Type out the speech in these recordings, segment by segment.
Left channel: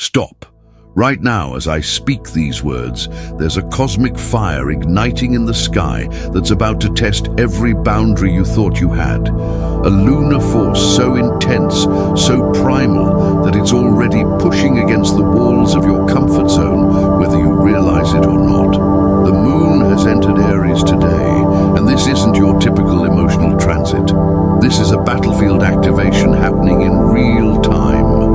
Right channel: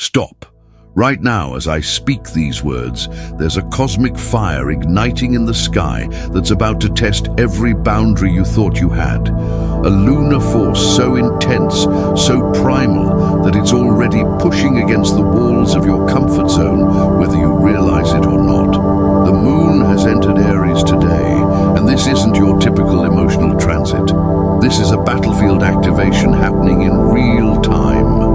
Stop. Right now, as I speak these words, there's a cosmic fire igniting in the sky that's about to test every boundary you thought you had. A lunar force so intense, so primal, that it's already pushing against the walls of your comfort zone, whether you realize it or not. The moon has entered Aries today, and this isn't your typical emotional transit. This is a battlefield activation happening in real time.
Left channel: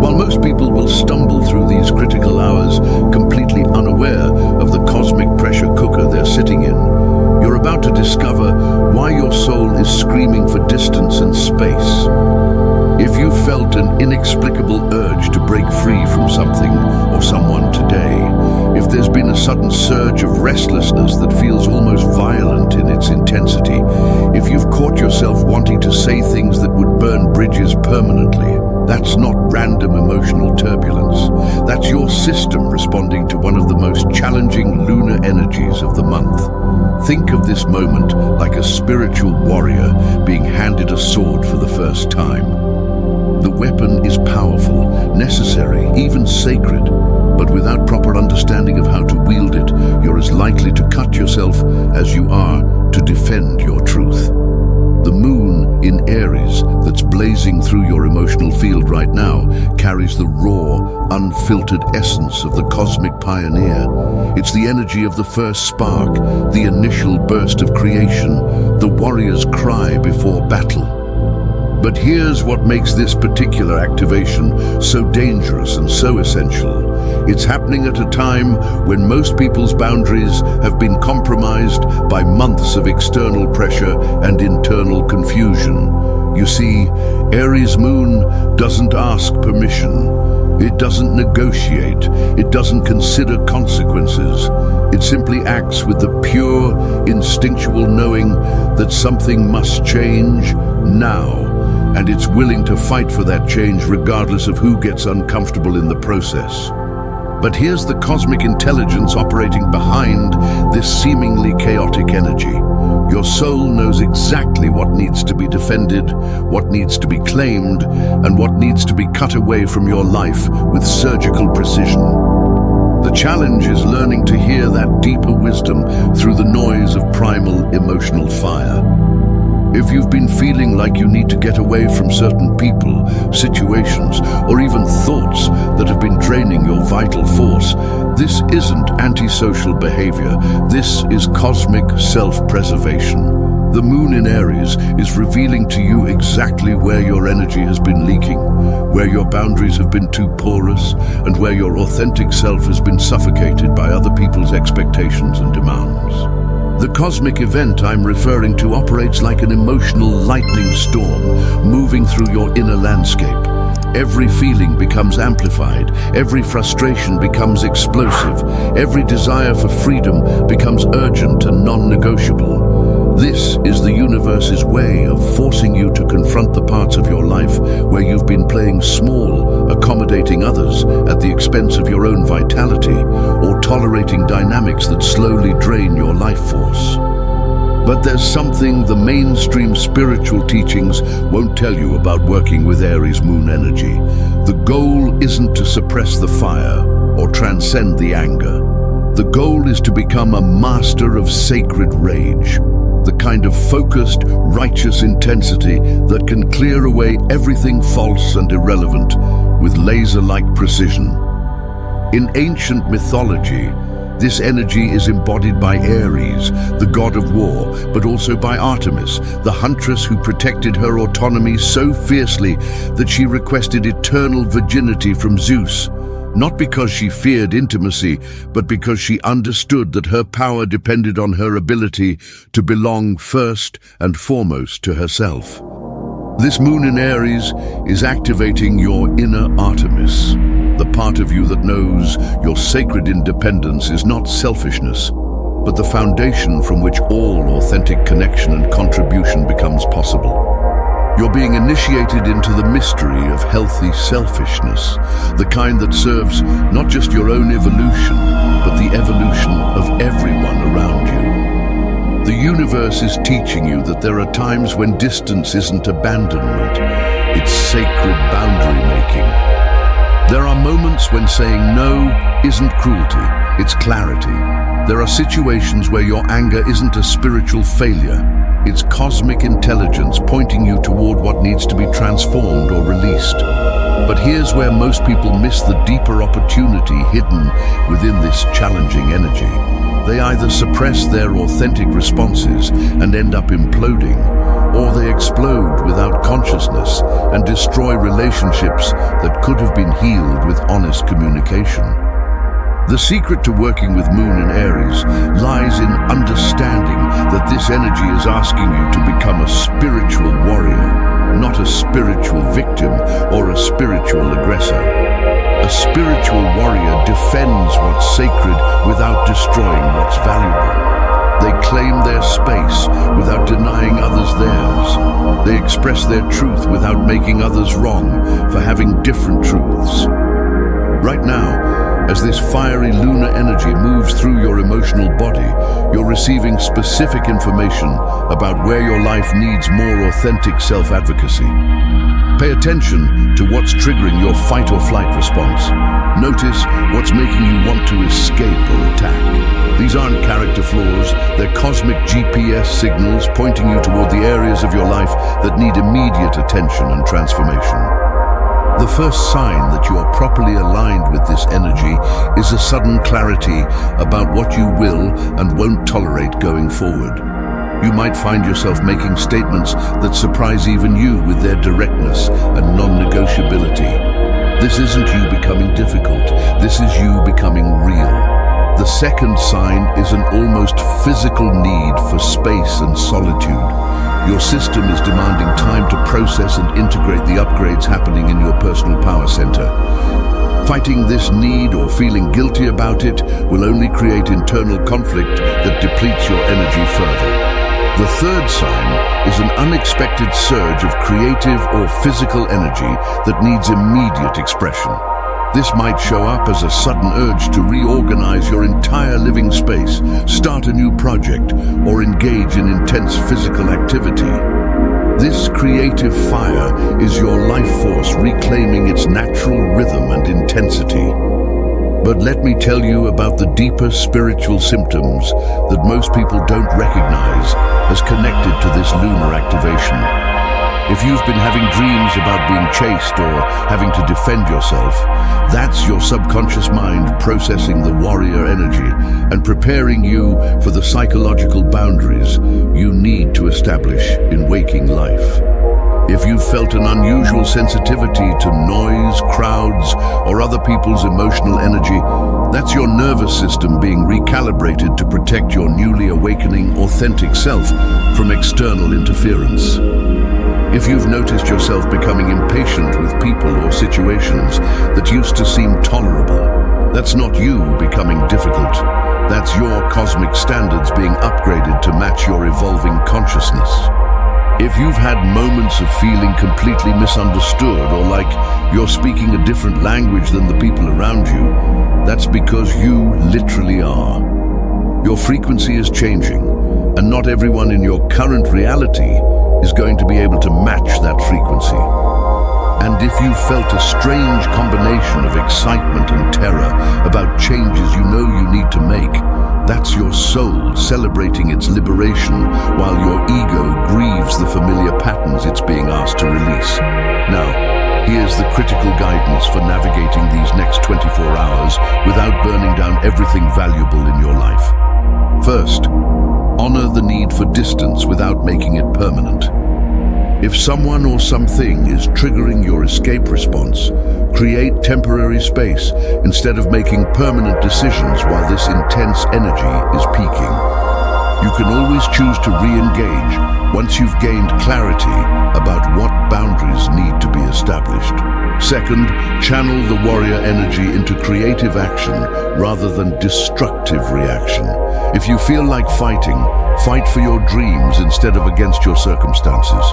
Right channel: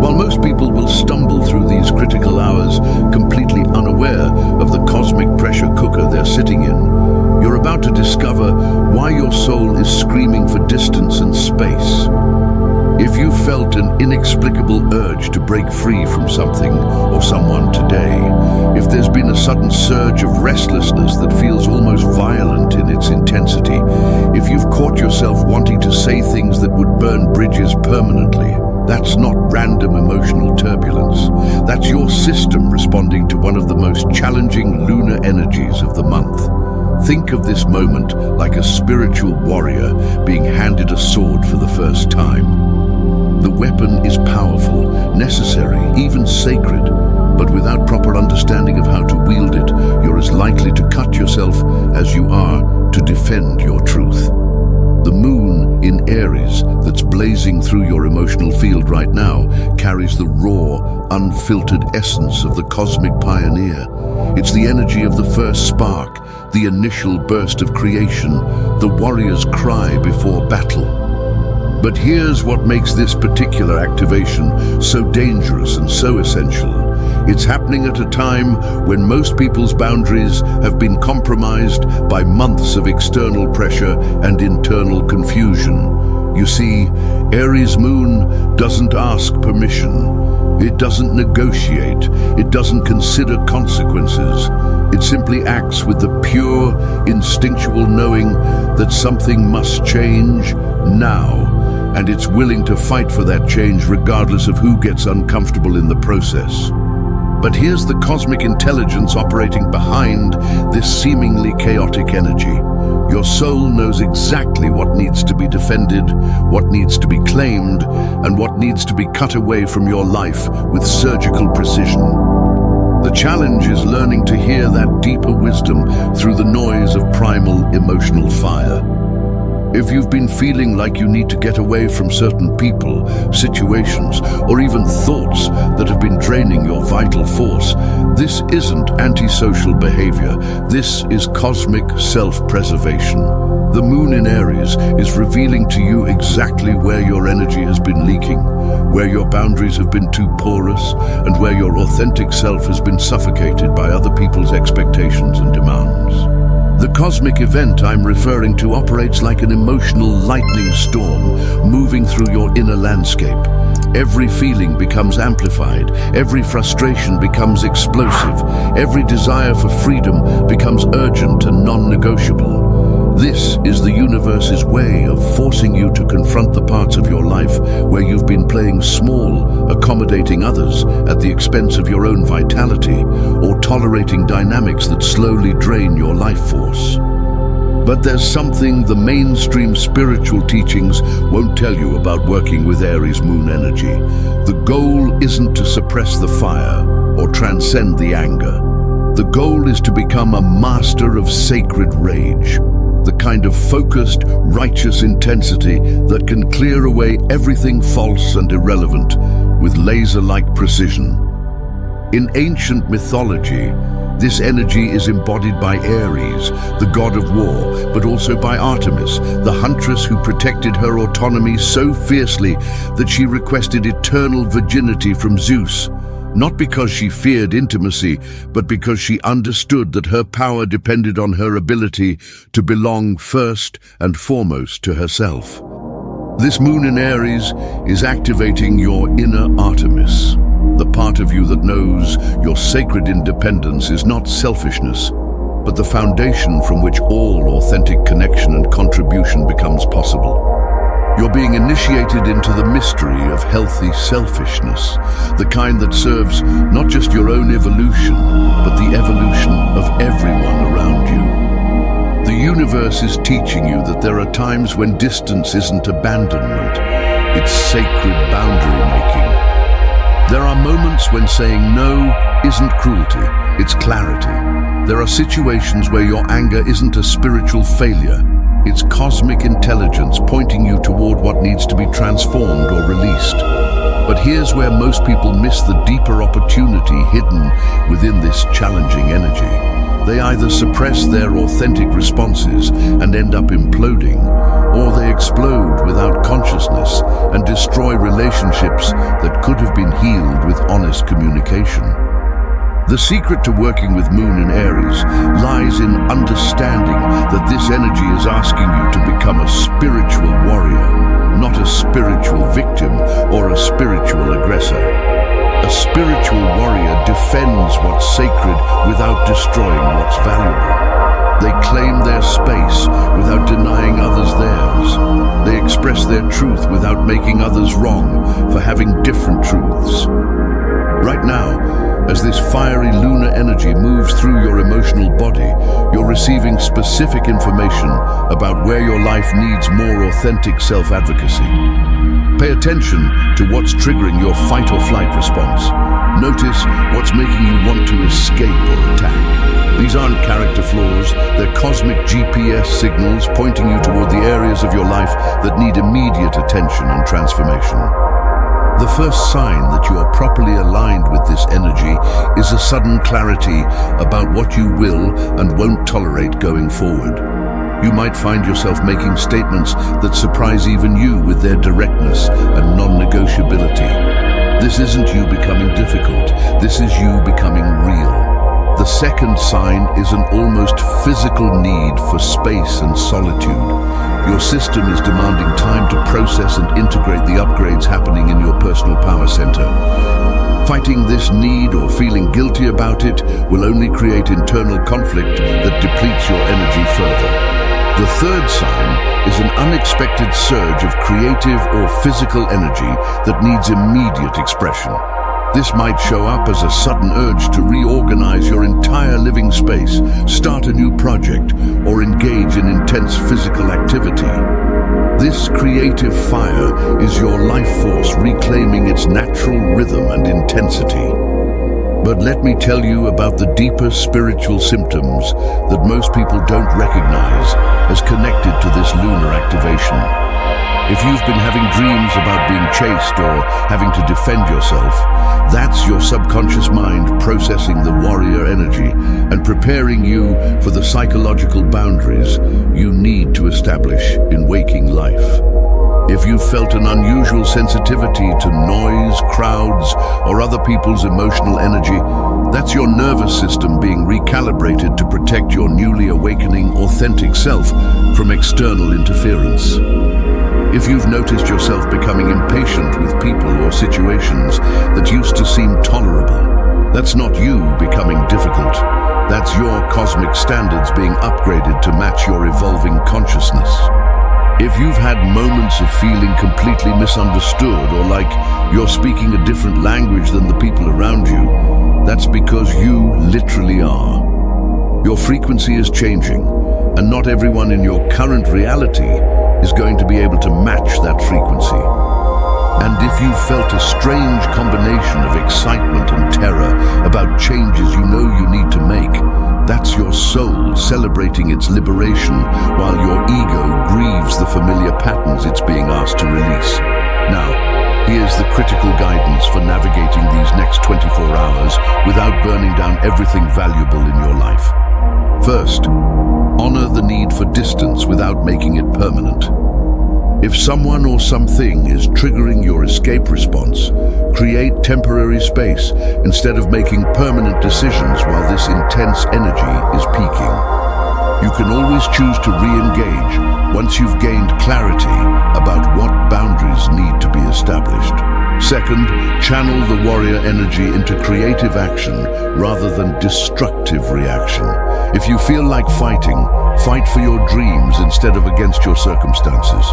While most people will stumble through these critical hours completely unaware of the cosmic pressure cooker they're sitting in, you're about to discover why your soul is screaming for distance and space. If you felt an inexplicable urge to break free from something or someone today, if there's been a sudden surge of restlessness that feels almost violent in its intensity, if you've caught yourself wanting to say things that would burn bridges permanently, that's not random emotional turbulence. That's your system responding to one of the most challenging lunar energies of the month. Think of this moment like a spiritual warrior being handed a sword for the first time. The weapon is powerful, necessary, even sacred, but without proper understanding of how to wield it, you're as likely to cut yourself as you are to defend your truth. The moon in Aries that's blazing through your emotional field right now carries the raw, unfiltered essence of the cosmic pioneer. It's the energy of the first spark, the initial burst of creation, the warrior's cry before battle. But here's what makes this particular activation so dangerous and so essential. It's happening at a time when most people's boundaries have been compromised by months of external pressure and internal confusion. You see, Aries moon doesn't ask permission. It doesn't negotiate. It doesn't consider consequences. It simply acts with the pure, instinctual knowing that something must change now. And it's willing to fight for that change regardless of who gets uncomfortable in the process. But here's the cosmic intelligence operating behind this seemingly chaotic energy. Your soul knows exactly what needs to be defended, what needs to be claimed, and what needs to be cut away from your life with surgical precision. The challenge is learning to hear that deeper wisdom through the noise of primal emotional fire. If you've been feeling like you need to get away from certain people, situations, or even thoughts that have been draining your vital force, this isn't antisocial behavior. This is cosmic self-preservation. The moon in Aries is revealing to you exactly where your energy has been leaking, where your boundaries have been too porous, and where your authentic self has been suffocated by other people's expectations and demands. The cosmic event I'm referring to operates like an emotional lightning storm moving through your inner landscape. Every feeling becomes amplified, every frustration becomes explosive, every desire for freedom becomes urgent and non-negotiable. This is the universe's way of forcing you to confront the parts of your life where you've been playing small, accommodating others at the expense of your own vitality, or tolerating dynamics that slowly drain your life force. But there's something the mainstream spiritual teachings won't tell you about working with Aries moon energy. The goal isn't to suppress the fire or transcend the anger. The goal is to become a master of sacred rage. The kind of focused, righteous intensity that can clear away everything false and irrelevant with laser-like precision. In ancient mythology, this energy is embodied by Ares, the god of war, but also by Artemis, the huntress who protected her autonomy so fiercely that she requested eternal virginity from Zeus. Not because she feared intimacy, but because she understood that her power depended on her ability to belong first and foremost to herself. This moon in Aries is activating your inner Artemis, the part of you that knows your sacred independence is not selfishness, but the foundation from which all authentic connection and contribution becomes possible. You're being initiated into the mystery of healthy selfishness, the kind that serves not just your own evolution, but the evolution of everyone around you. The universe is teaching you that there are times when distance isn't abandonment, it's sacred boundary making. There are moments when saying no isn't cruelty, it's clarity. There are situations where your anger isn't a spiritual failure, it's cosmic intelligence pointing you toward what needs to be transformed or released. But here's where most people miss the deeper opportunity hidden within this challenging energy. They either suppress their authentic responses and end up imploding, or they explode without consciousness and destroy relationships that could have been healed with honest communication. The secret to working with Moon in Aries lies in understanding that this energy is asking you to become a spiritual warrior, not a spiritual victim or a spiritual aggressor. A spiritual warrior defends what's sacred without destroying what's valuable. They claim their space without denying others theirs. They express their truth without making others wrong for having different truths. Right now, as this fiery lunar energy moves through your emotional body, you're receiving specific information about where your life needs more authentic self-advocacy. Pay attention to what's triggering your fight or flight response. Notice what's making you want to escape or attack. These aren't character flaws, they're cosmic GPS signals pointing you toward the areas of your life that need immediate attention and transformation. The first sign that you are properly aligned with this energy is a sudden clarity about what you will and won't tolerate going forward. You might find yourself making statements that surprise even you with their directness and non-negotiability. This isn't you becoming difficult, this is you becoming real. The second sign is an almost physical need for space and solitude. Your system is demanding time to process and integrate the upgrades happening in your personal power center. Fighting this need or feeling guilty about it will only create internal conflict that depletes your energy further. The third sign is an unexpected surge of creative or physical energy that needs immediate expression. This might show up as a sudden urge to reorganize your entire living space, start a new project, or engage in intense physical activity. This creative fire is your life force reclaiming its natural rhythm and intensity. But let me tell you about the deeper spiritual symptoms that most people don't recognize as connected to this lunar activation. If you've been having dreams about being chased or having to defend yourself, that's your subconscious mind processing the warrior energy and preparing you for the psychological boundaries you need to establish in waking life. If you've felt an unusual sensitivity to noise, crowds, or other people's emotional energy, that's your nervous system being recalibrated to protect your newly awakening authentic self from external interference. If you've noticed yourself becoming impatient with people or situations that used to seem tolerable, that's not you becoming difficult. That's your cosmic standards being upgraded to match your evolving consciousness. If you've had moments of feeling completely misunderstood or like you're speaking a different language than the people around you, that's because you literally are. Your frequency is changing, and not everyone in your current reality is going to be able to match that frequency. And if you felt a strange combination of excitement and terror about changes you know you need to make, that's your soul celebrating its liberation while your ego grieves the familiar patterns it's being asked to release. Now, here's the critical guidance for navigating these next 24 hours without burning down everything valuable in your life. First, honor the need for distance without making it permanent. If someone or something is triggering your escape response, create temporary space instead of making permanent decisions while this intense energy is peaking. You can always choose to re-engage once you've gained clarity about what boundaries need to be established. Second, channel the warrior energy into creative action rather than destructive reaction. If you feel like fighting, fight for your dreams instead of against your circumstances.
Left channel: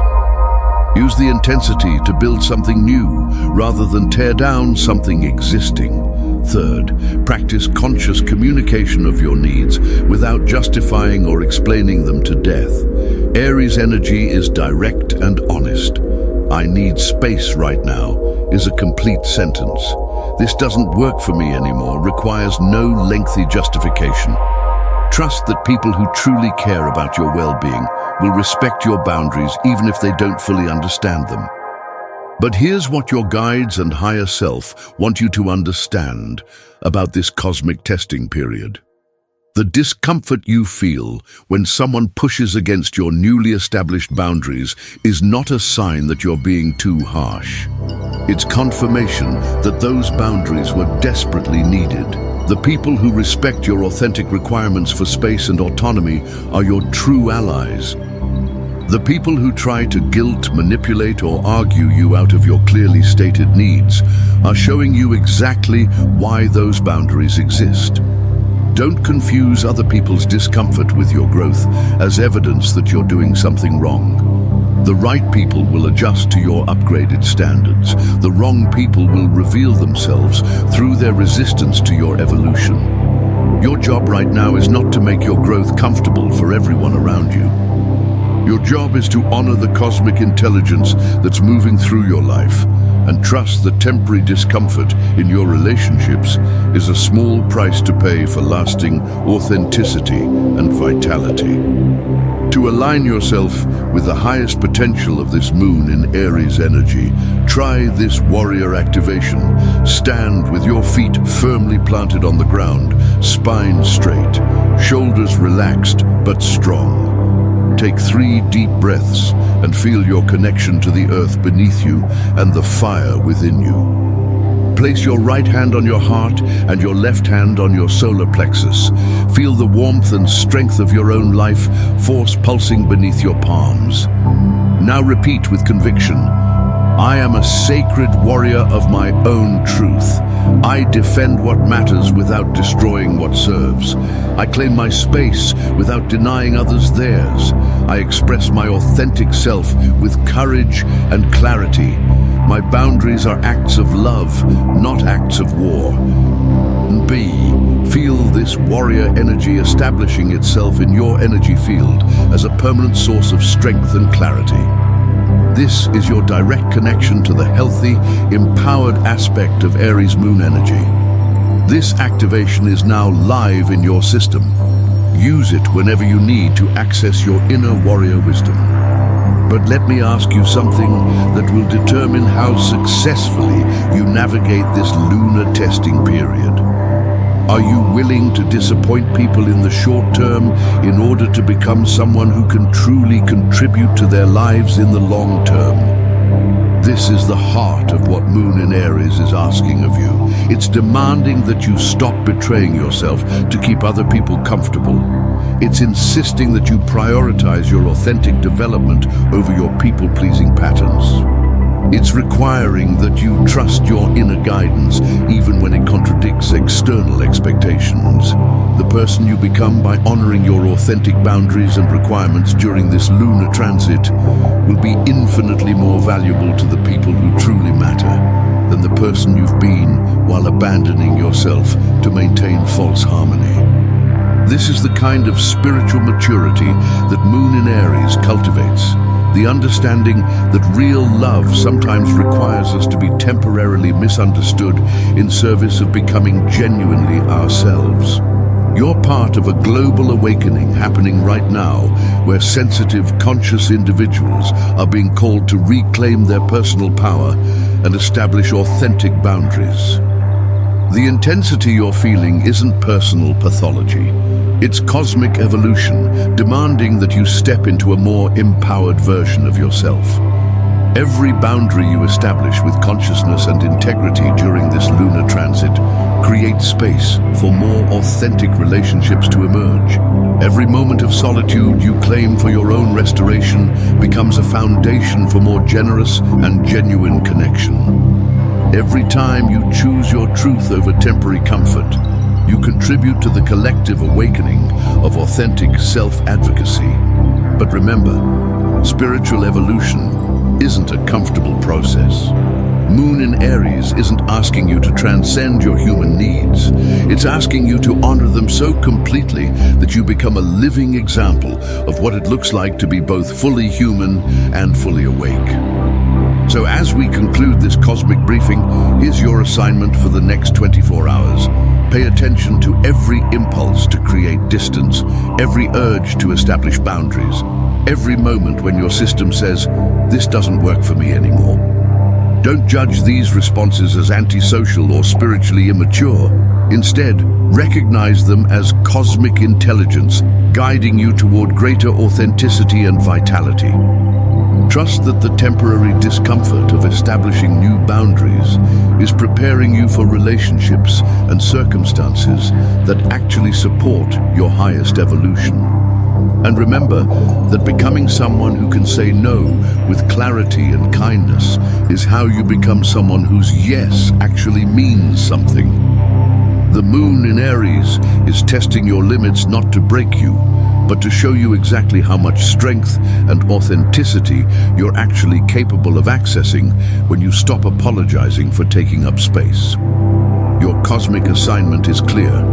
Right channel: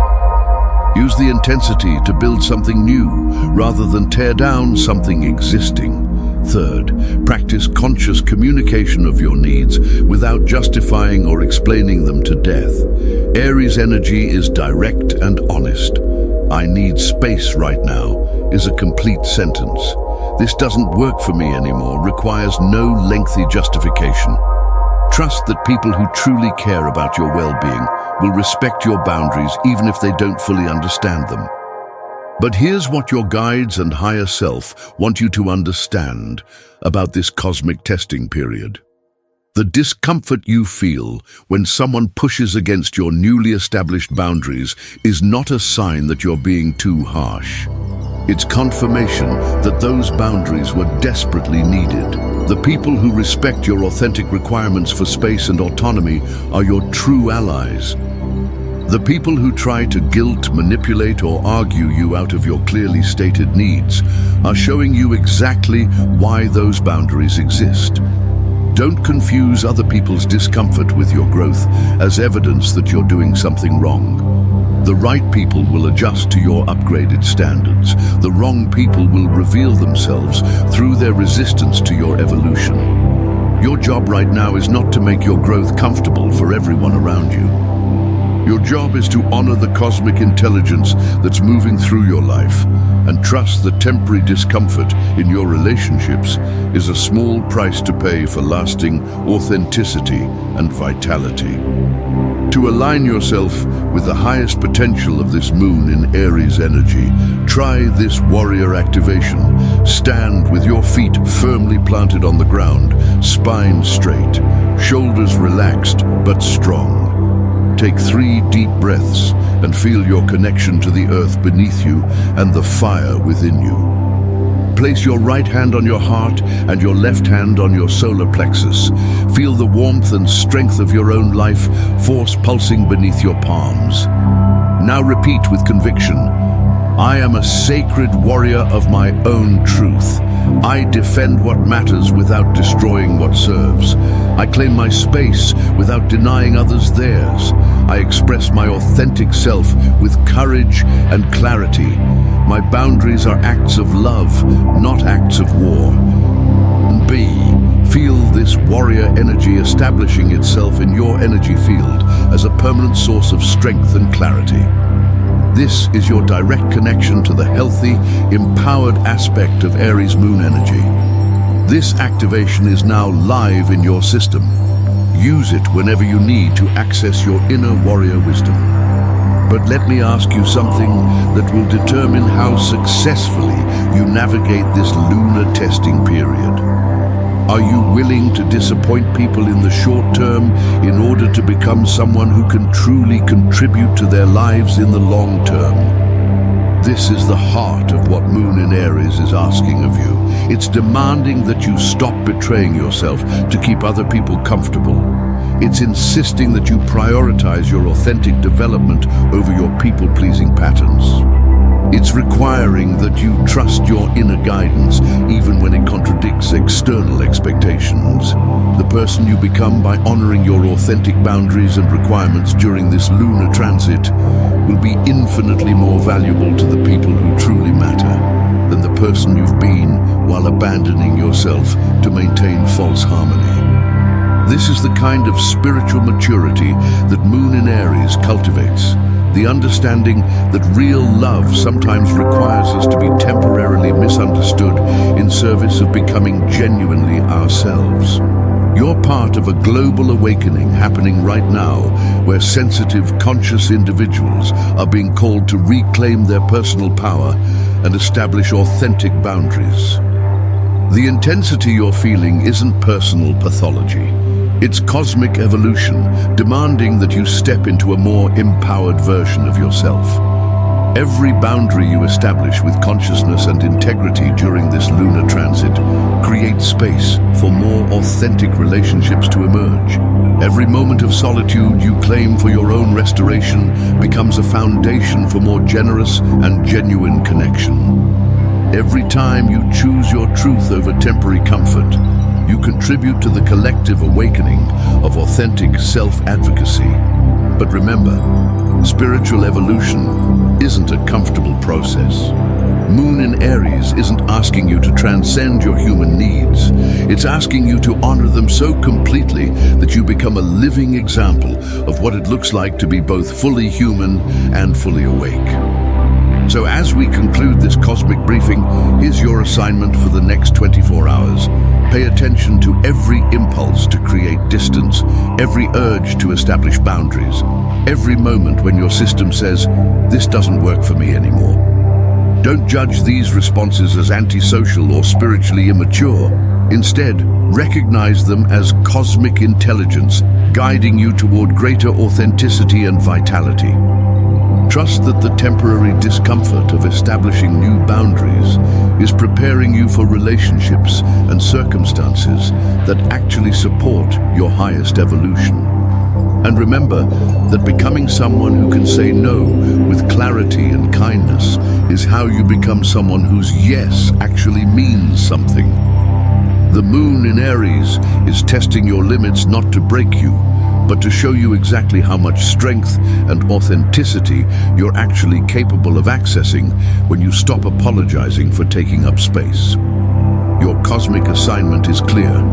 Use the intensity to build something new rather than tear down something existing. Third, practice conscious communication of your needs without justifying or explaining them to death. Aries energy is direct and honest. "I need space right now" is a complete sentence. "This doesn't work for me anymore," requires no lengthy justification. Trust that people who truly care about your well-being will respect your boundaries even if they don't fully understand them. But here's what your guides and higher self want you to understand about this cosmic testing period. The discomfort you feel when someone pushes against your newly established boundaries is not a sign that you're being too harsh. It's confirmation that those boundaries were desperately needed. The people who respect your authentic requirements for space and autonomy are your true allies. The people who try to guilt, manipulate, or argue you out of your clearly stated needs are showing you exactly why those boundaries exist. Don't confuse other people's discomfort with your growth as evidence that you're doing something wrong. The right people will adjust to your upgraded standards. The wrong people will reveal themselves through their resistance to your evolution. Your job right now is not to make your growth comfortable for everyone around you. Your job is to honor the cosmic intelligence that's moving through your life and trust that temporary discomfort in your relationships is a small price to pay for lasting authenticity and vitality. To align yourself with the highest potential of this moon in Aries energy, try this warrior activation. Stand with your feet firmly planted on the ground, spine straight, shoulders relaxed but strong. Take 3 deep breaths and feel your connection to the earth beneath you and the fire within you. Place your right hand on your heart and your left hand on your solar plexus. Feel the warmth and strength of your own life force pulsing beneath your palms. Now repeat with conviction. I am a sacred warrior of my own truth. I defend what matters without destroying what serves. I claim my space without denying others theirs. I express my authentic self with courage and clarity. My boundaries are acts of love, not acts of war. And B, feel this warrior energy establishing itself in your energy field as a permanent source of strength and clarity. This is your direct connection to the healthy, empowered aspect of Aries moon energy. This activation is now live in your system. Use it whenever you need to access your inner warrior wisdom. But let me ask you something that will determine how successfully you navigate this lunar testing period. Are you willing to disappoint people in the short term in order to become someone who can truly contribute to their lives in the long term? This is the heart of what Moon in Aries is asking of you. It's demanding that you stop betraying yourself to keep other people comfortable. It's insisting that you prioritize your authentic development over your people-pleasing patterns. It's requiring that you trust your inner guidance even when it contradicts external expectations. The person you become by honoring your authentic boundaries and requirements during this lunar transit will be infinitely more valuable to the people who truly matter than the person you've been while abandoning yourself to maintain false harmony. This is the kind of spiritual maturity that Moon in Aries cultivates. The understanding that real love sometimes requires us to be temporarily misunderstood in service of becoming genuinely ourselves. You're part of a global awakening happening right now, where sensitive, conscious individuals are being called to reclaim their personal power and establish authentic boundaries. The intensity you're feeling isn't personal pathology. It's cosmic evolution, demanding that you step into a more empowered version of yourself. Every boundary you establish with consciousness and integrity during this lunar transit creates space for more authentic relationships to emerge. Every moment of solitude you claim for your own restoration becomes a foundation for more generous and genuine connection. Every time you choose your truth over temporary comfort, you contribute to the collective awakening of authentic self-advocacy. But remember, spiritual evolution isn't a comfortable process. Moon in Aries isn't asking you to transcend your human needs. It's asking you to honor them so completely that you become a living example of what it looks like to be both fully human and fully awake. So as we conclude this cosmic briefing, here's your assignment for the next 24 hours. Pay attention to every impulse to create distance, every urge to establish boundaries, every moment when your system says, "This doesn't work for me anymore." Don't judge these responses as antisocial or spiritually immature. Instead, recognize them as cosmic intelligence, guiding you toward greater authenticity and vitality. Trust that the temporary discomfort of establishing new boundaries is preparing you for relationships and circumstances that actually support your highest evolution. And remember that becoming someone who can say no with clarity and kindness is how you become someone whose yes actually means something. The moon in Aries is testing your limits not to break you, but to show you exactly how much strength and authenticity you're actually capable of accessing when you stop apologizing for taking up space. Your cosmic assignment is clear.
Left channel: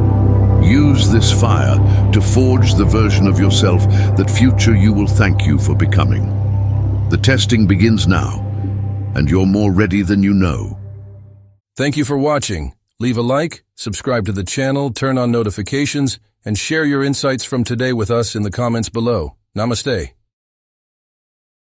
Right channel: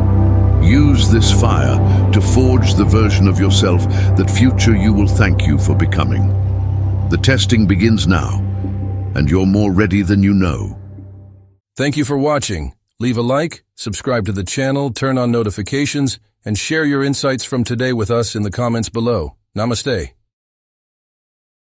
Use this fire to forge the version of yourself that future you will thank you for becoming. The testing begins now, and you're more ready than you know. Thank you for watching. Leave a like, subscribe to the channel, turn on notifications, and share your insights from today with us in the comments below. Namaste.